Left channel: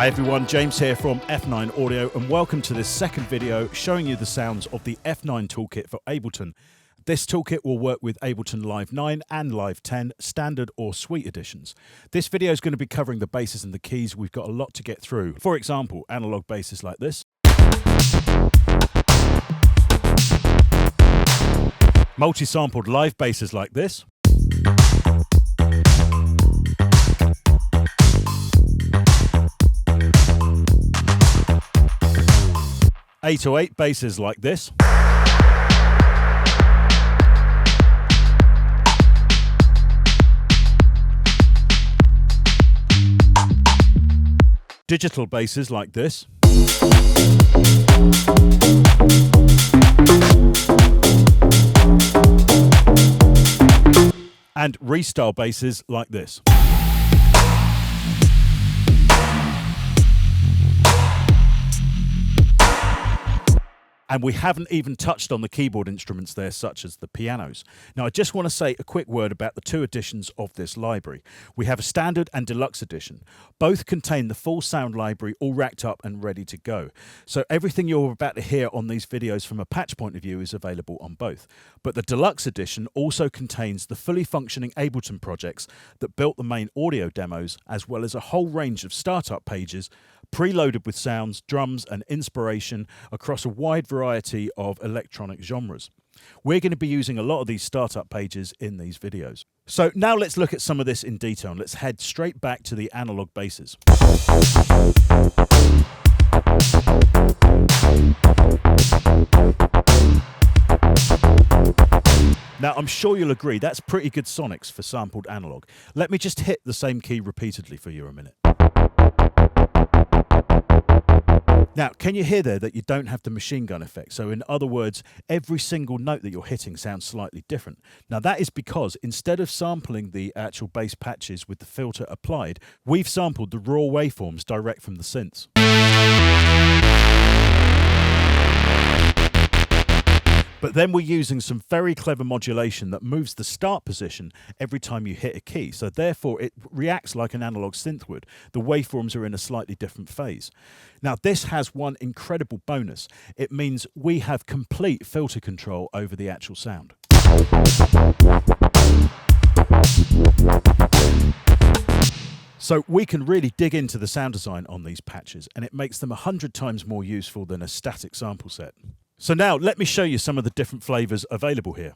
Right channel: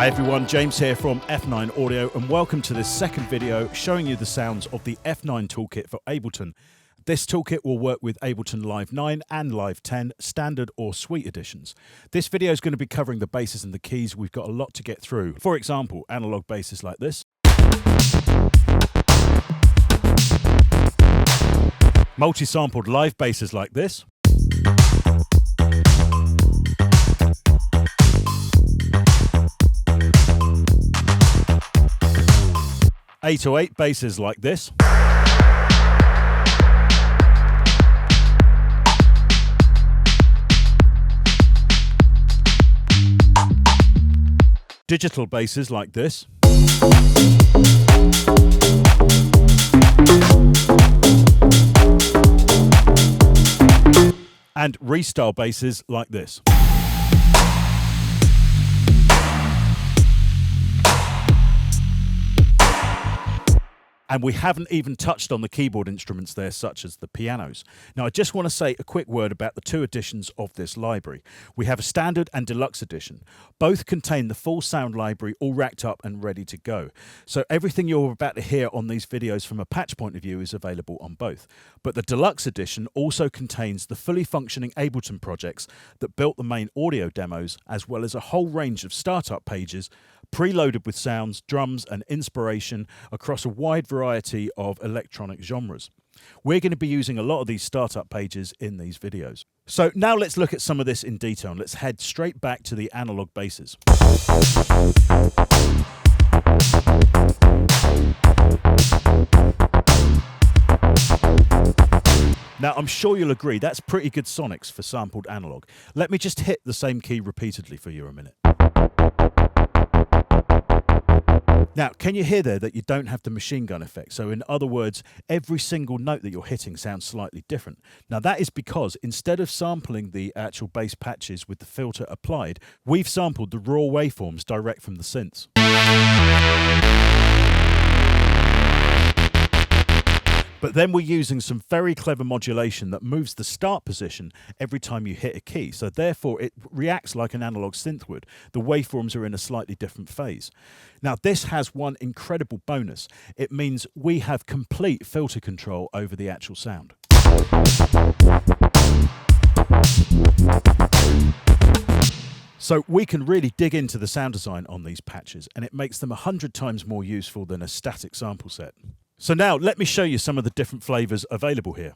Hi everyone, James here from F9 Audio, and welcome to this second video showing you the sounds of the F9 Toolkit for Ableton. This toolkit will work with Ableton Live 9 and Live 10 standard or suite editions. This video is going to be covering the basses and the keys. We've got a lot to get through. For example, analog basses like this, multi-sampled live basses like this, (808) basses like this, digital basses like this, and restyle basses like this. And we haven't even touched on the keyboard instruments there, such as the pianos. Now, I just want to say a quick word about the two editions of this library. We have a standard and deluxe edition. Both contain the full sound library all racked up and ready to go. So everything you're about to hear on these videos from a patch point of view is available on both. But the deluxe edition also contains the fully functioning Ableton projects that built the main audio demos, as well as a whole range of startup pages preloaded with sounds, drums and inspiration across a wide variety of electronic genres. We're going to be using a lot of these startup pages in these videos. So now let's look at some of this in detail, and let's head straight back to the analog basses. Now, I'm sure you'll agree that's pretty good sonics for sampled analog. Let me just hit the same key repeatedly for you a minute. Now, can you hear there that you don't have the machine gun effect? So in other words, every single note that you're hitting sounds slightly different. Now, that is because instead of sampling the actual bass patches with the filter applied, we've sampled the raw waveforms direct from the synths. But then we're using some very clever modulation that moves the start position every time you hit a key. So therefore, it reacts like an analog synth would. The waveforms are in a slightly different phase. Now, this has one incredible bonus. It means we have complete filter control over the actual sound. So we can really dig into the sound design on these patches, and it makes them 100 times more useful than a static sample set. So now let me show you some of the different flavors available here.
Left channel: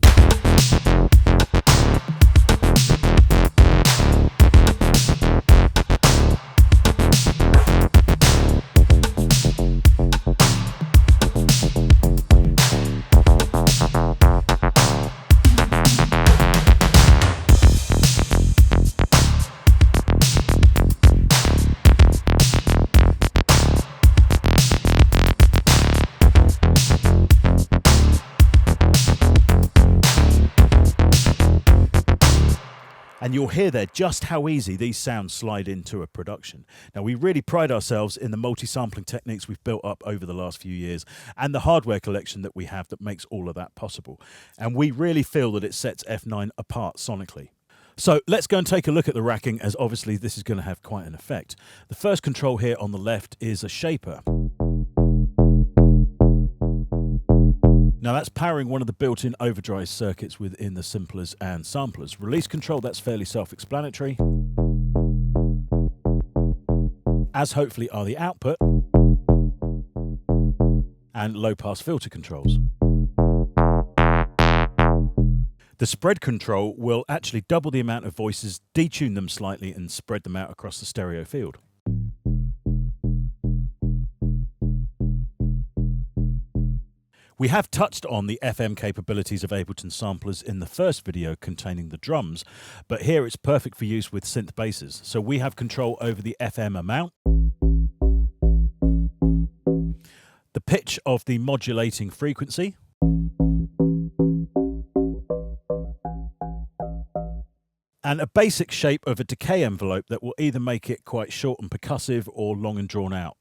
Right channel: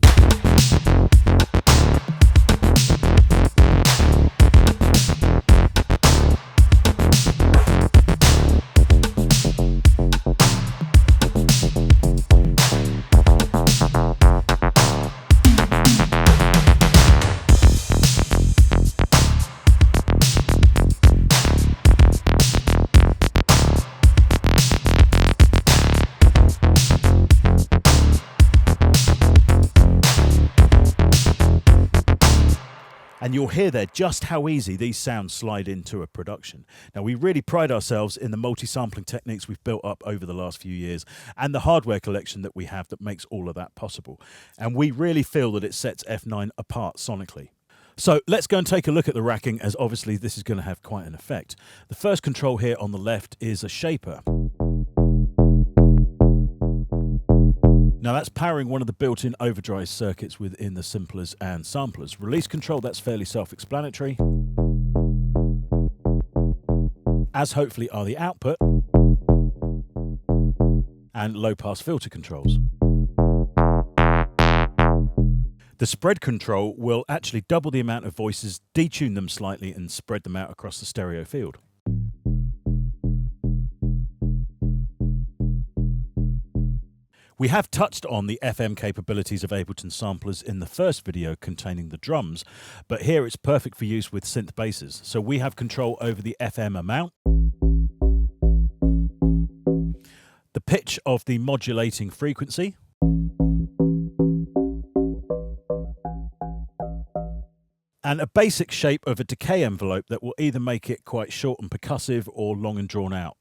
And you'll hear there just how easy these sounds slide into a production. Now, we really pride ourselves in the multi-sampling techniques we've built up over the last few years and the hardware collection that we have that makes all of that possible. And we really feel that it sets F9 apart sonically. So let's go and take a look at the racking, as obviously this is going to have quite an effect. The first control here on the left is a shaper. Now that's powering one of the built-in overdrive circuits within the simplers and samplers. Release control, that's fairly self-explanatory, as hopefully are the output and low-pass filter controls. The spread control will actually double the amount of voices, detune them slightly and spread them out across the stereo field. We have touched on the FM capabilities of Ableton samplers in the first video containing the drums, but here it's perfect for use with synth basses. So we have control over the FM amount, the pitch of the modulating frequency, and a basic shape of a decay envelope that will either make it quite short and percussive or long and drawn out.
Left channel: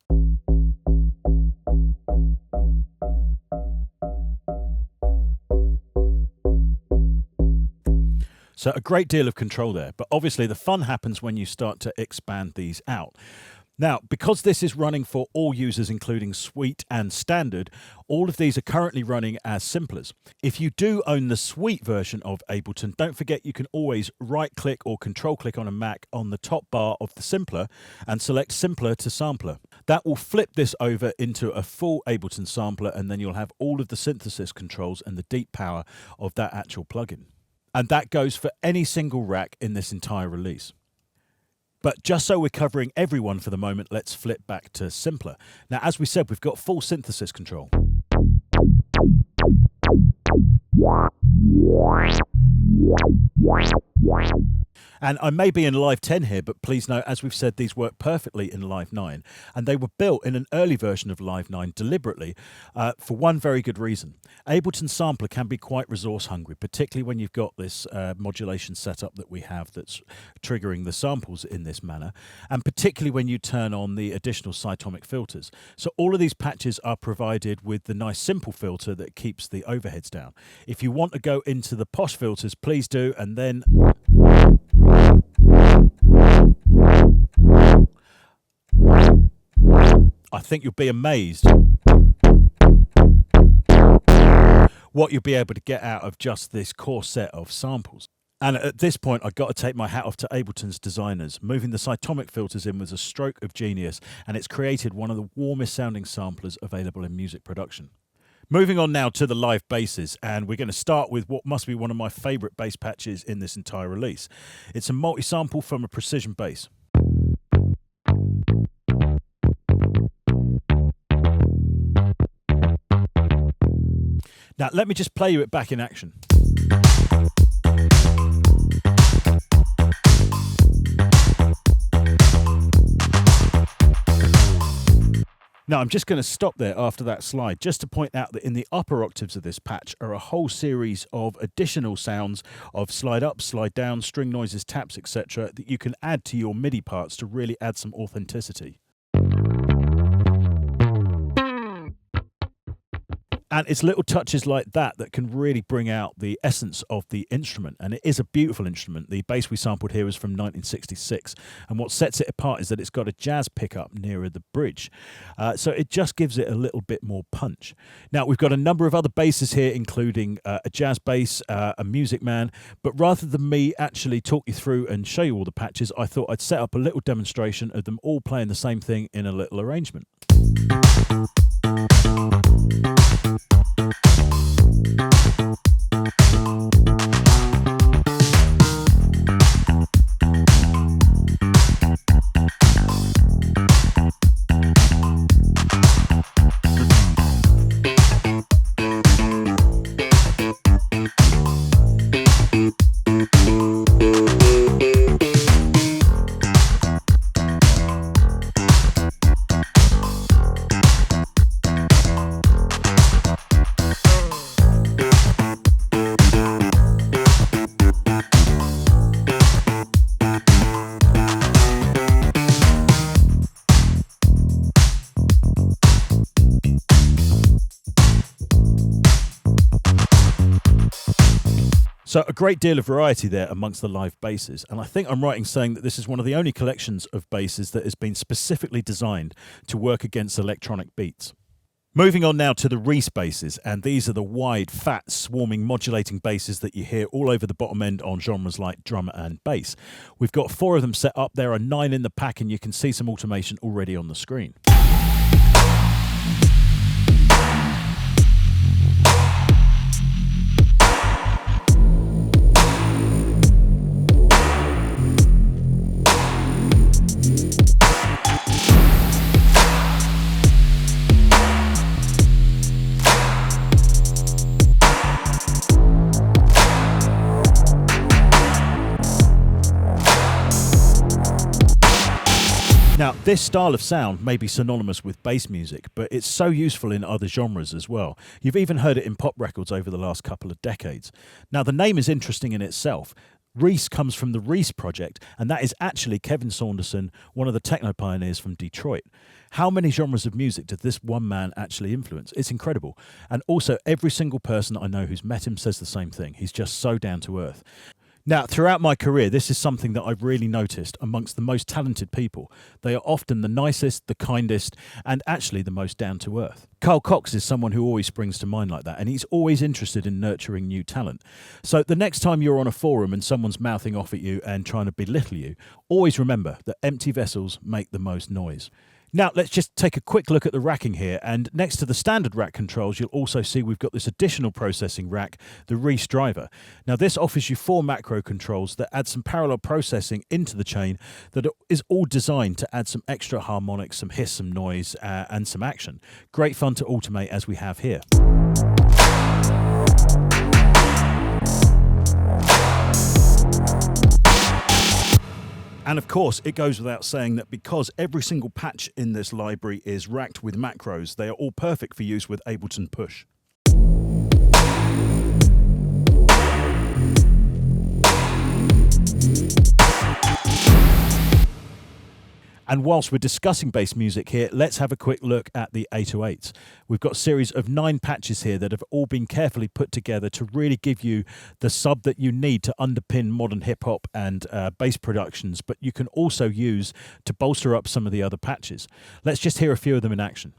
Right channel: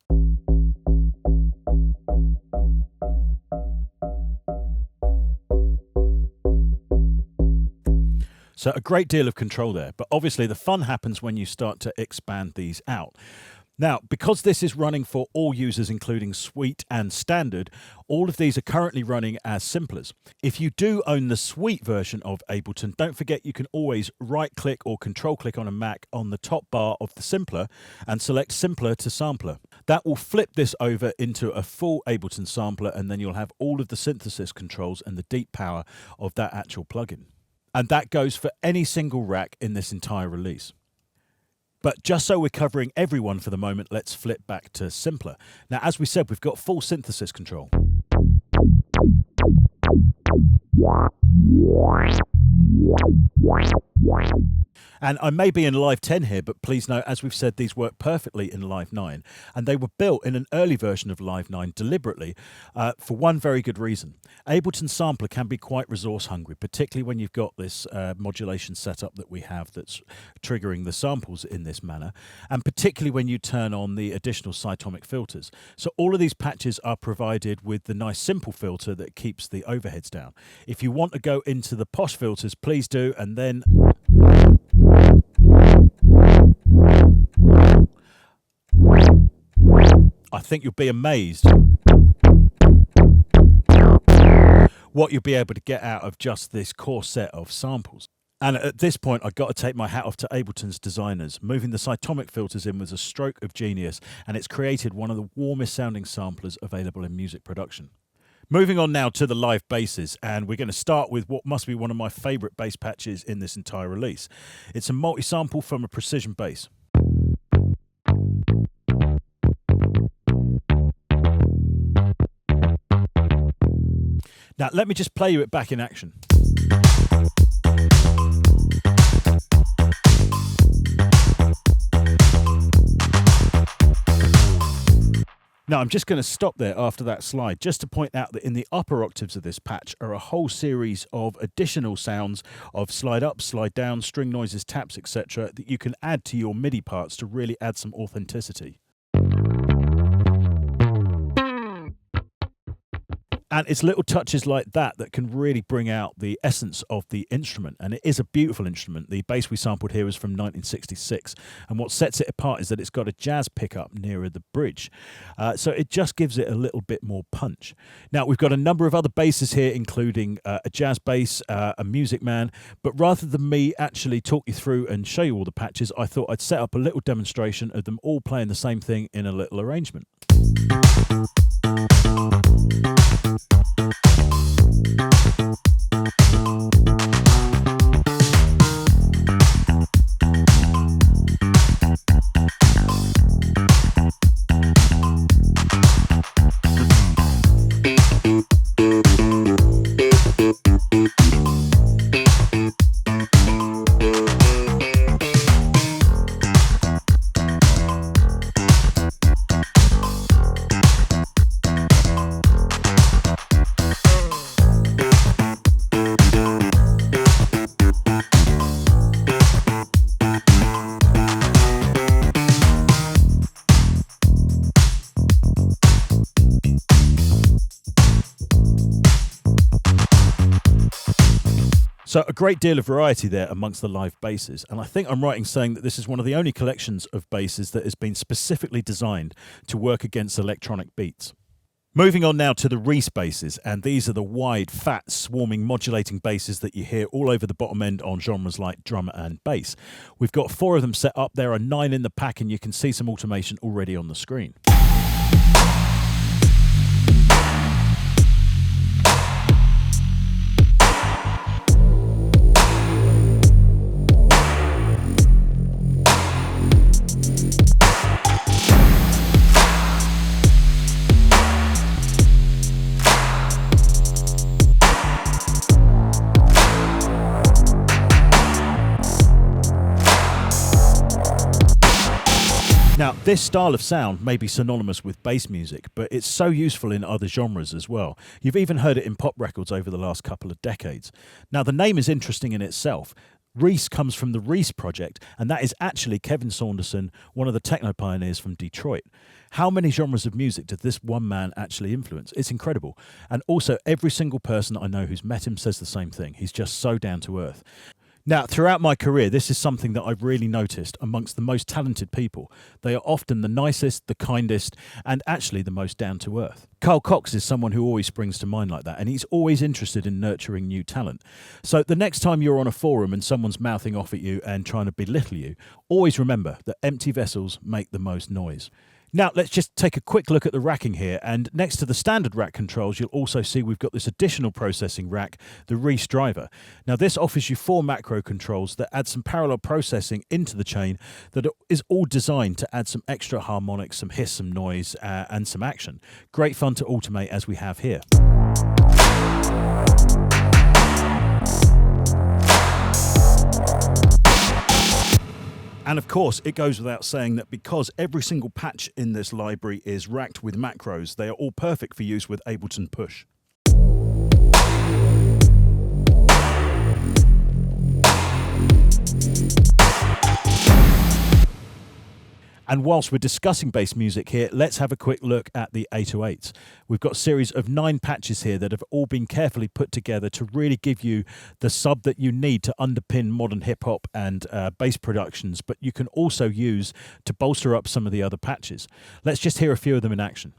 So a great deal of control there, but obviously the fun happens when you start to expand these out. Now, because this is running for all users, including Suite and Standard, all of these are currently running as simplers. If you do own the Suite version of Ableton, don't forget you can always right-click or control-click on a Mac on the top bar of the simpler and select Simpler to Sampler. That will flip this over into a full Ableton sampler, and then you'll have all of the synthesis controls and the deep power of that actual plugin. And that goes for any single rack in this entire release. But just so we're covering everyone for the moment, let's flip back to simpler. Now, as we said, we've got full synthesis control. And I may be in Live 10 here, but please note, as we've said, these work perfectly in Live 9. And they were built in an early version of Live 9 deliberately for one very good reason. Ableton Sampler can be quite resource hungry, particularly when you've got this modulation setup that we have that's triggering the samples in this manner, and particularly when you turn on the additional cytomic filters. So all of these patches are provided with the nice simple filter that keeps the overheads down. If you want to go into the posh filters, please do, and then I think you'll be amazed what you'll be able to get out of just this core set of samples. And at this point, I've got to take my hat off to Ableton's designers. Moving the cytomic filters in was a stroke of genius, and it's created one of the warmest sounding samplers available in music production. Moving on now to the live basses, and we're going to start with what must be one of my favourite bass patches in this entire release. It's a multi-sample from a precision bass. Now, let me just play you it back in action. Now, I'm just going to stop there after that slide just to point out that in the upper octaves of this patch are a whole series of additional sounds of slide up, slide down, string noises, taps, etc. that you can add to your MIDI parts to really add some authenticity. And it's little touches like that that can really bring out the essence of the instrument. And it is a beautiful instrument. The bass we sampled here is from 1966. And what sets it apart is that it's got a jazz pickup nearer the bridge. So it just gives it a little bit more punch. Now, we've got a number of other basses here, including a jazz bass, a Music Man. But rather than me actually talk you through and show you all the patches, I thought I'd set up a little demonstration of them all playing the same thing in a little arrangement. So a great deal of variety there amongst the live basses, and I think I'm right in saying that this is one of the only collections of basses that has been specifically designed to work against electronic beats. Moving on now to the Reese basses, and these are the wide, fat, swarming, modulating basses that you hear all over the bottom end on genres like drum and bass. We've got 4 of them set up, there are 9 in the pack, and you can see some automation already on the screen. Now, this style of sound may be synonymous with bass music, but it's so useful in other genres as well. You've even heard it in pop records over the last couple of decades. Now, the name is interesting in itself. Reese comes from the Reese Project, and that is actually Kevin Saunderson, one of the techno pioneers from Detroit. How many genres of music did this one man actually influence? It's incredible. And also, every single person I know who's met him says the same thing. He's just so down to earth. Now, throughout my career, this is something that I've really noticed amongst the most talented people. They are often the nicest, the kindest, and actually the most down to earth. Carl Cox is someone who always springs to mind like that, and he's always interested in nurturing new talent. So the next time you're on a forum and someone's mouthing off at you and trying to belittle you, always remember that empty vessels make the most noise. Now, let's just take a quick look at the racking here, and next to the standard rack controls, you'll also see we've got this additional processing rack, the Reese driver. Now, this offers you 4 macro controls that add some parallel processing into the chain that is all designed to add some extra harmonics, some hiss, some noise, and some action. Great fun to automate as we have here. And of course, it goes without saying that because every single patch in this library is racked with macros, they are all perfect for use with Ableton Push. And whilst we're discussing bass music here, let's have a quick look at the 808s. We've got a series of 9 patches here that have all been carefully put together to really give you the sub that you need to underpin modern hip-hop and bass productions, but you can also use to bolster up some of the other patches. Let's just hear a few of them in action.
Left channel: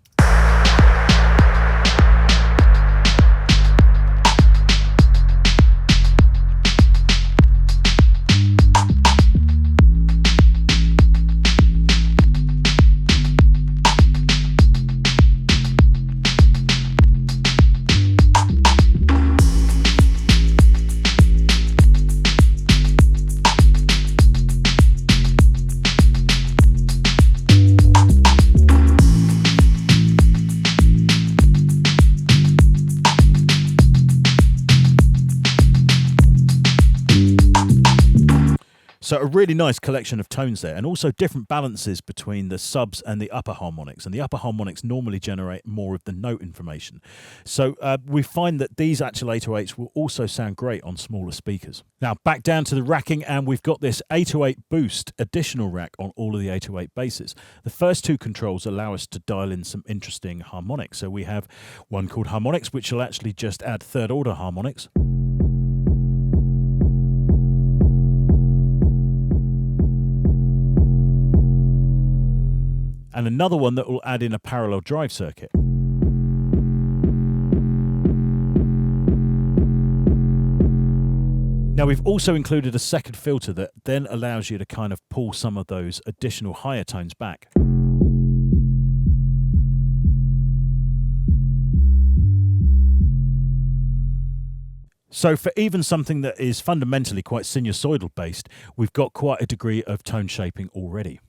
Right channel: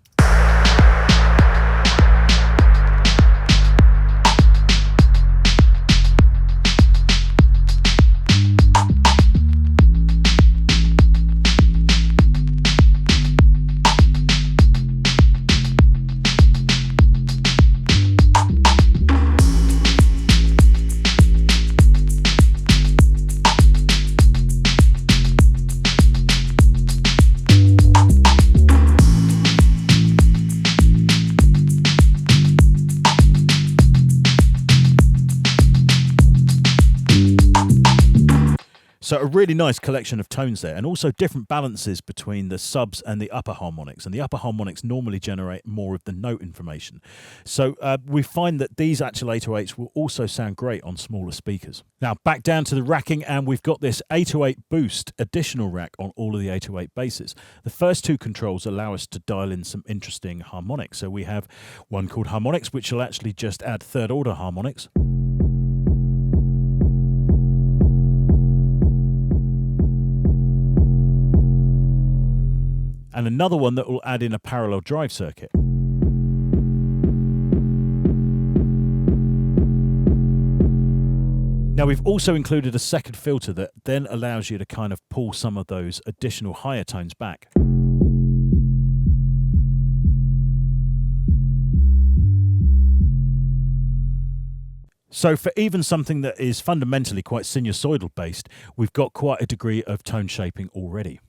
So a really nice collection of tones there, and also different balances between the subs and the upper harmonics. And the upper harmonics normally generate more of the note information. So we find that these actual 808s will also sound great on smaller speakers. Now back down to the racking, and we've got this 808 boost additional rack on all of the 808 basses. The first 2 controls allow us to dial in some interesting harmonics. So we have one called harmonics, which will actually just add 3rd order harmonics. And another one that will add in a parallel drive circuit. Now we've also included a second filter that then allows you to kind of pull some of those additional higher tones back. So for even something that is fundamentally quite sinusoidal based, we've got quite a degree of tone shaping already.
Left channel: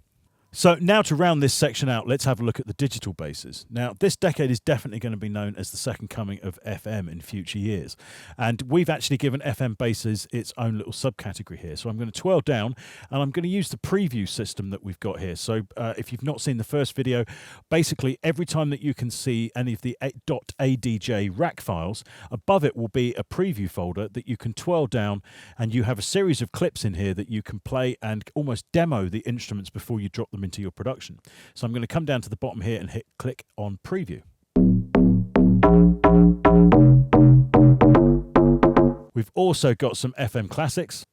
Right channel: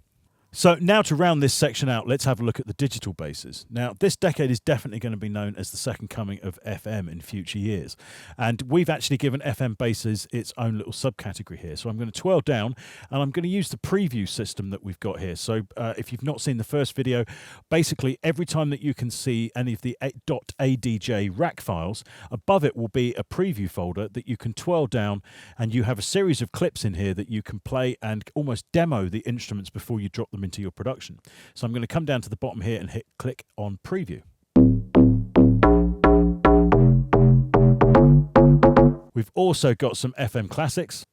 So now to round this section out, let's have a look at the digital basses. Now, this decade is definitely going to be known as the second coming of FM in future years. And we've actually given FM basses its own little subcategory here. So I'm going to twirl down, and I'm going to use the preview system that we've got here. So if you've not seen the first video, basically every time that you can see any of the .adj rack files, above it will be a preview folder that you can twirl down, and you have a series of clips in here that you can play and almost demo the instruments before you drop them into your production. So I'm going to come down to the bottom here and hit click on preview. We've also got some FM classics.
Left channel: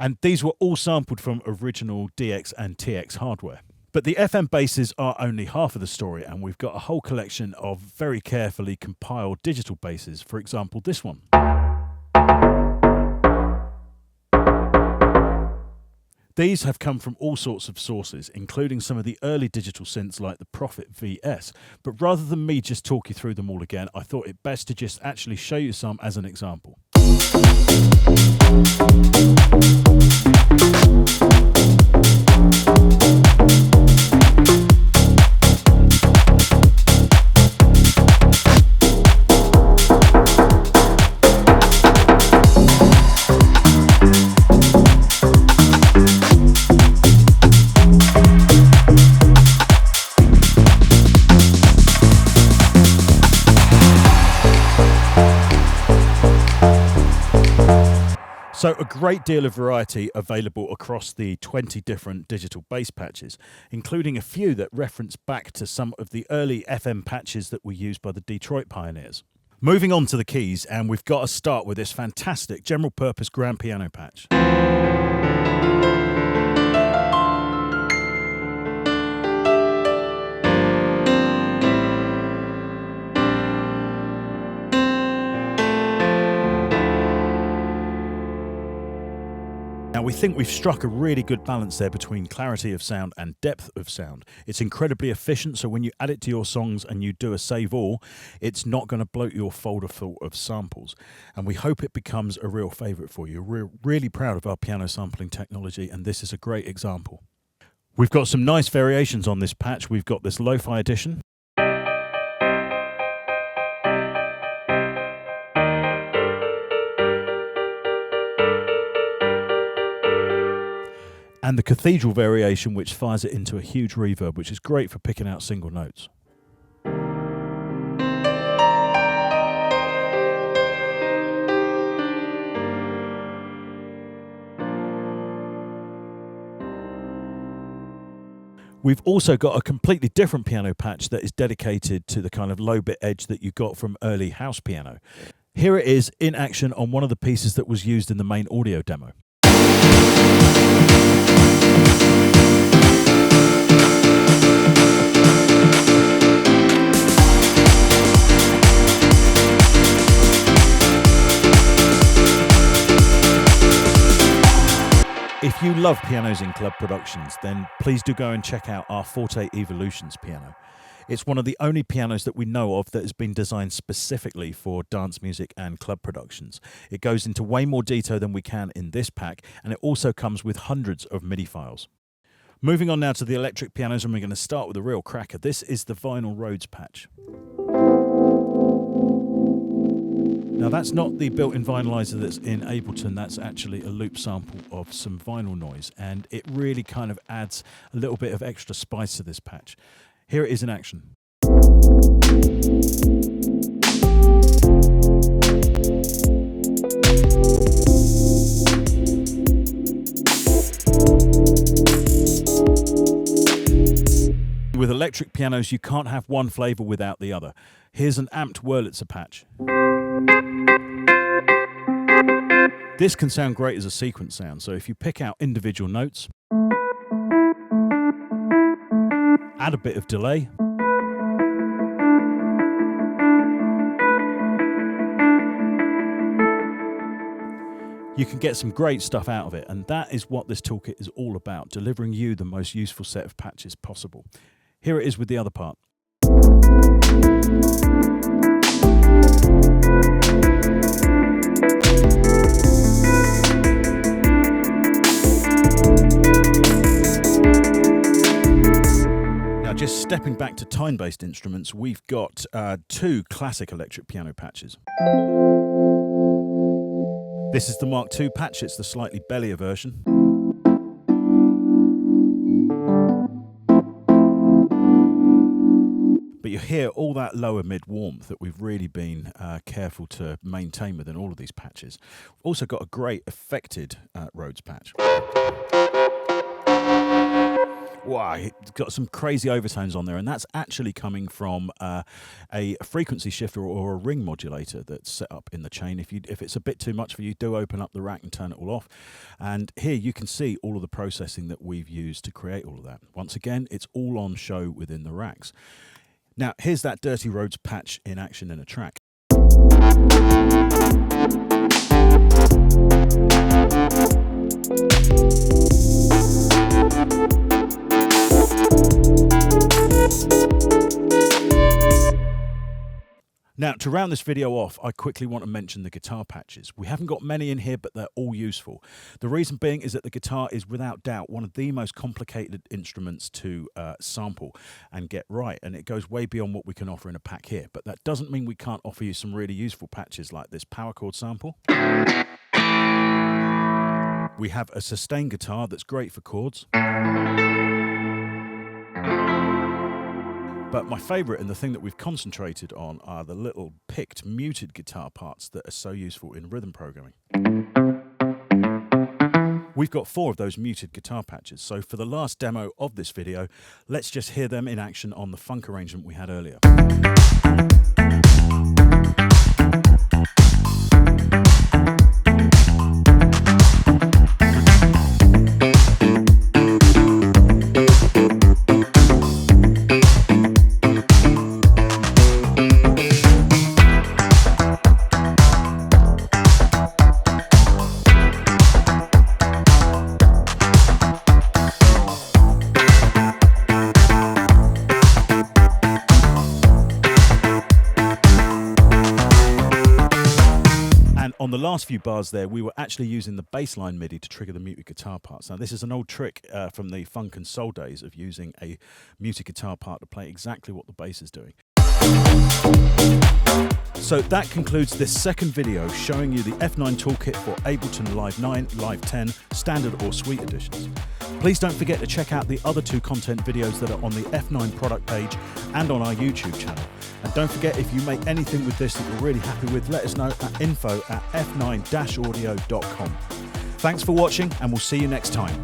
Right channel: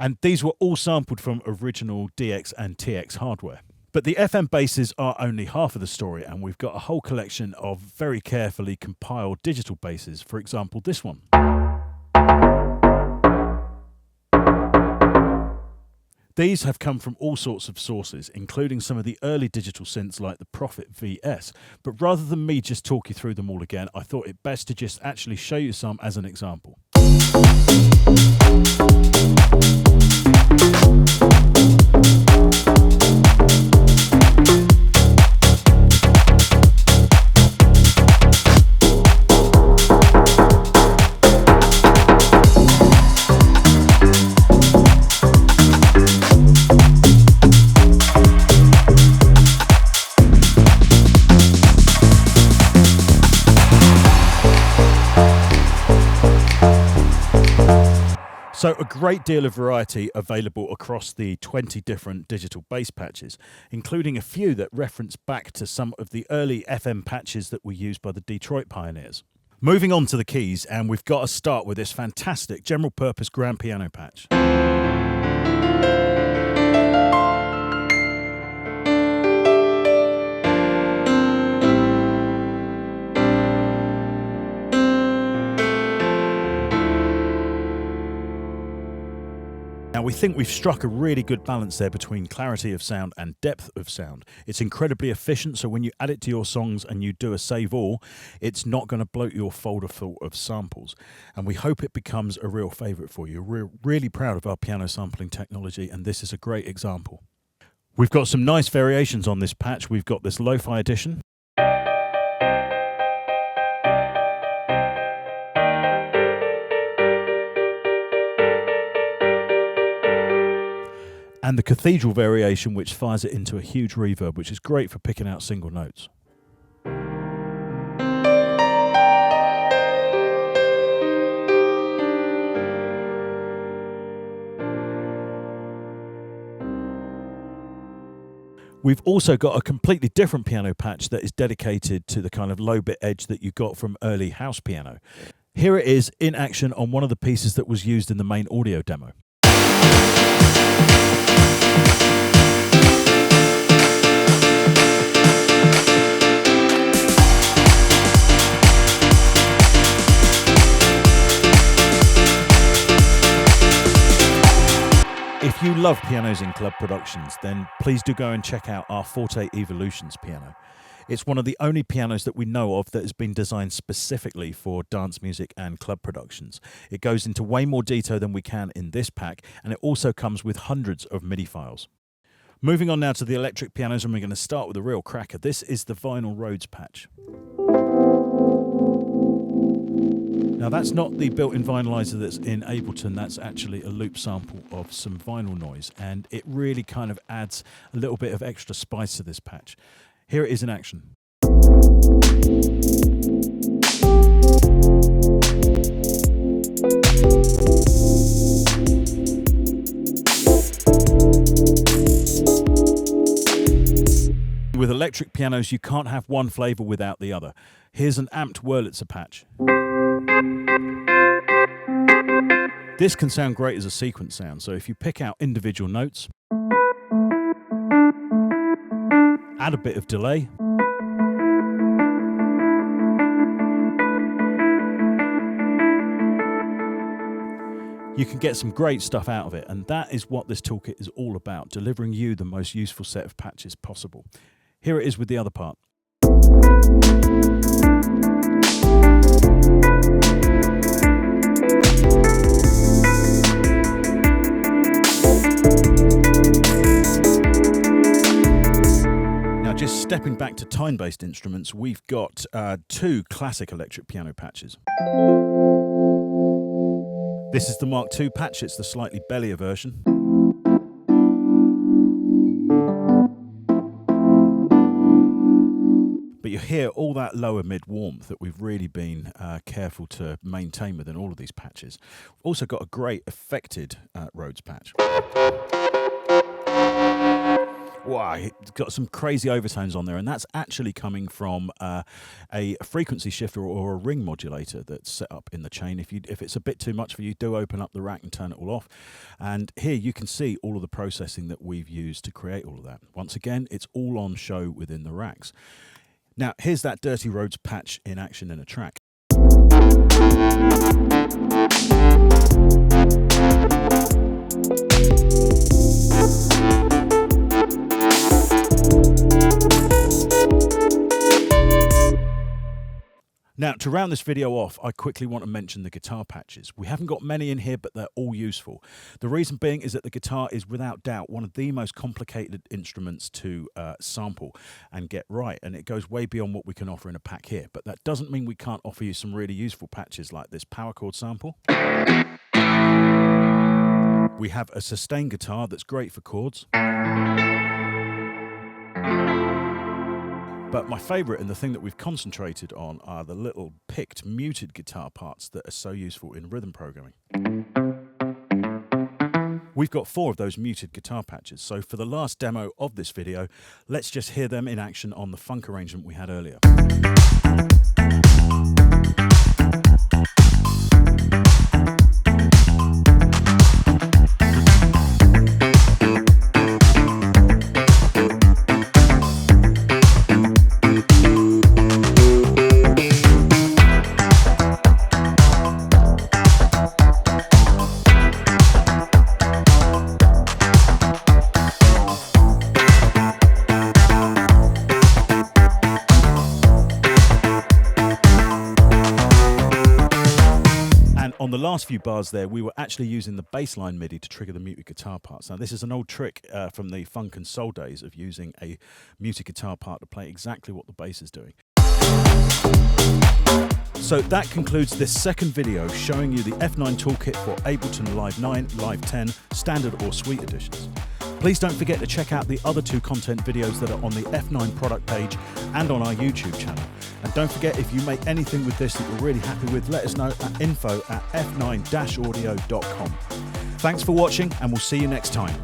And these were all sampled from original DX and TX hardware. But the FM basses are only half of the story, and we've got a whole collection of very carefully compiled digital basses. For example, this one. These have come from all sorts of sources, including some of the early digital synths like the Prophet VS. But rather than me just talk you through them all again, I thought it best to just actually show you some as an example. So a great deal of variety available across the 20 different digital bass patches, including a few that reference back to some of the early FM patches that were used by the Detroit pioneers. Moving on to the keys, and we've got to start with this fantastic general purpose grand piano patch. Now, we think we've struck a really good balance there between clarity of sound and depth of sound. It's incredibly efficient, so when you add it to your songs and you do a save all, it's not going to bloat your folder full of samples. And we hope it becomes a real favourite for you. We're really proud of our piano sampling technology, and this is a great example. We've got some nice variations on this patch. We've got this lo-fi edition. And the cathedral variation, which fires it into a huge reverb, which is great for picking out single notes. We've also got a completely different piano patch that is dedicated to the kind of low bit edge that you got from early house piano. Here it is in action on one of the pieces that was used in the main audio demo. If you love pianos in club productions, then please do go and check out our Forte Evolutions piano. It's one of the only pianos that we know of that has been designed specifically for dance music and club productions. It goes into way more detail than we can in this pack, and it also comes with hundreds of MIDI files. Moving on now to the electric pianos, and we're going to start with a real cracker. This is the Vinyl Rhodes patch. Now, that's not the built-in vinylizer that's in Ableton. That's actually a loop sample of some vinyl noise, and it really kind of adds a little bit of extra spice to this patch. Here it is in action. With electric pianos, you can't have one flavour without the other. Here's an amped Wurlitzer patch. This can sound great as a sequence sound, so if you pick out individual notes, add a bit of delay, you can get some great stuff out of it, and that is what this toolkit is all about, delivering you the most useful set of patches possible. Here it is with the other part. Now, just stepping back to time-based instruments, we've got two classic electric piano patches. This is the Mark II patch. It's the slightly bellier version. But you hear all that lower mid warmth that we've really been careful to maintain within all of these patches. We've also got a great affected Rhodes patch. Wow, it's got some crazy overtones on there, and that's actually coming from a frequency shifter or a ring modulator that's set up in the chain. If it's a bit too much for you, do open up the rack and turn it all off. And here you can see all of the processing that we've used to create all of that. Once again, it's all on show within the racks. Now, here's that Dirty Rhodes patch in action in a track. Now, to round this video off, I quickly want to mention the guitar patches. We haven't got many in here, but they're all useful. The reason being is that the guitar is without doubt one of the most complicated instruments to sample and get right, and it goes way beyond what we can offer in a pack here. But that doesn't mean we can't offer you some really useful patches like this power chord sample. We have a sustain guitar that's great for chords. But my favourite, and the thing that we've concentrated on, are the little picked muted guitar parts that are so useful in rhythm programming. We've got 4 of those muted guitar patches, so for the last demo of this video, let's just hear them in action on the funk arrangement we had earlier. on the last few bars there, we were actually using the bassline MIDI to trigger the muted guitar parts. Now, this is an old trick from the funk and soul days of using a muted guitar part to play exactly what the bass is doing. So that concludes this second video showing you the F9 Toolkit for Ableton Live 9, Live 10, Standard or Suite editions. Please don't forget to check out the other two content videos that are on the F9 product page and on our YouTube channel. And don't forget, if you make anything with this that you're really happy with, let us know at info@f9-audio.com. Thanks for watching, and we'll see you next time.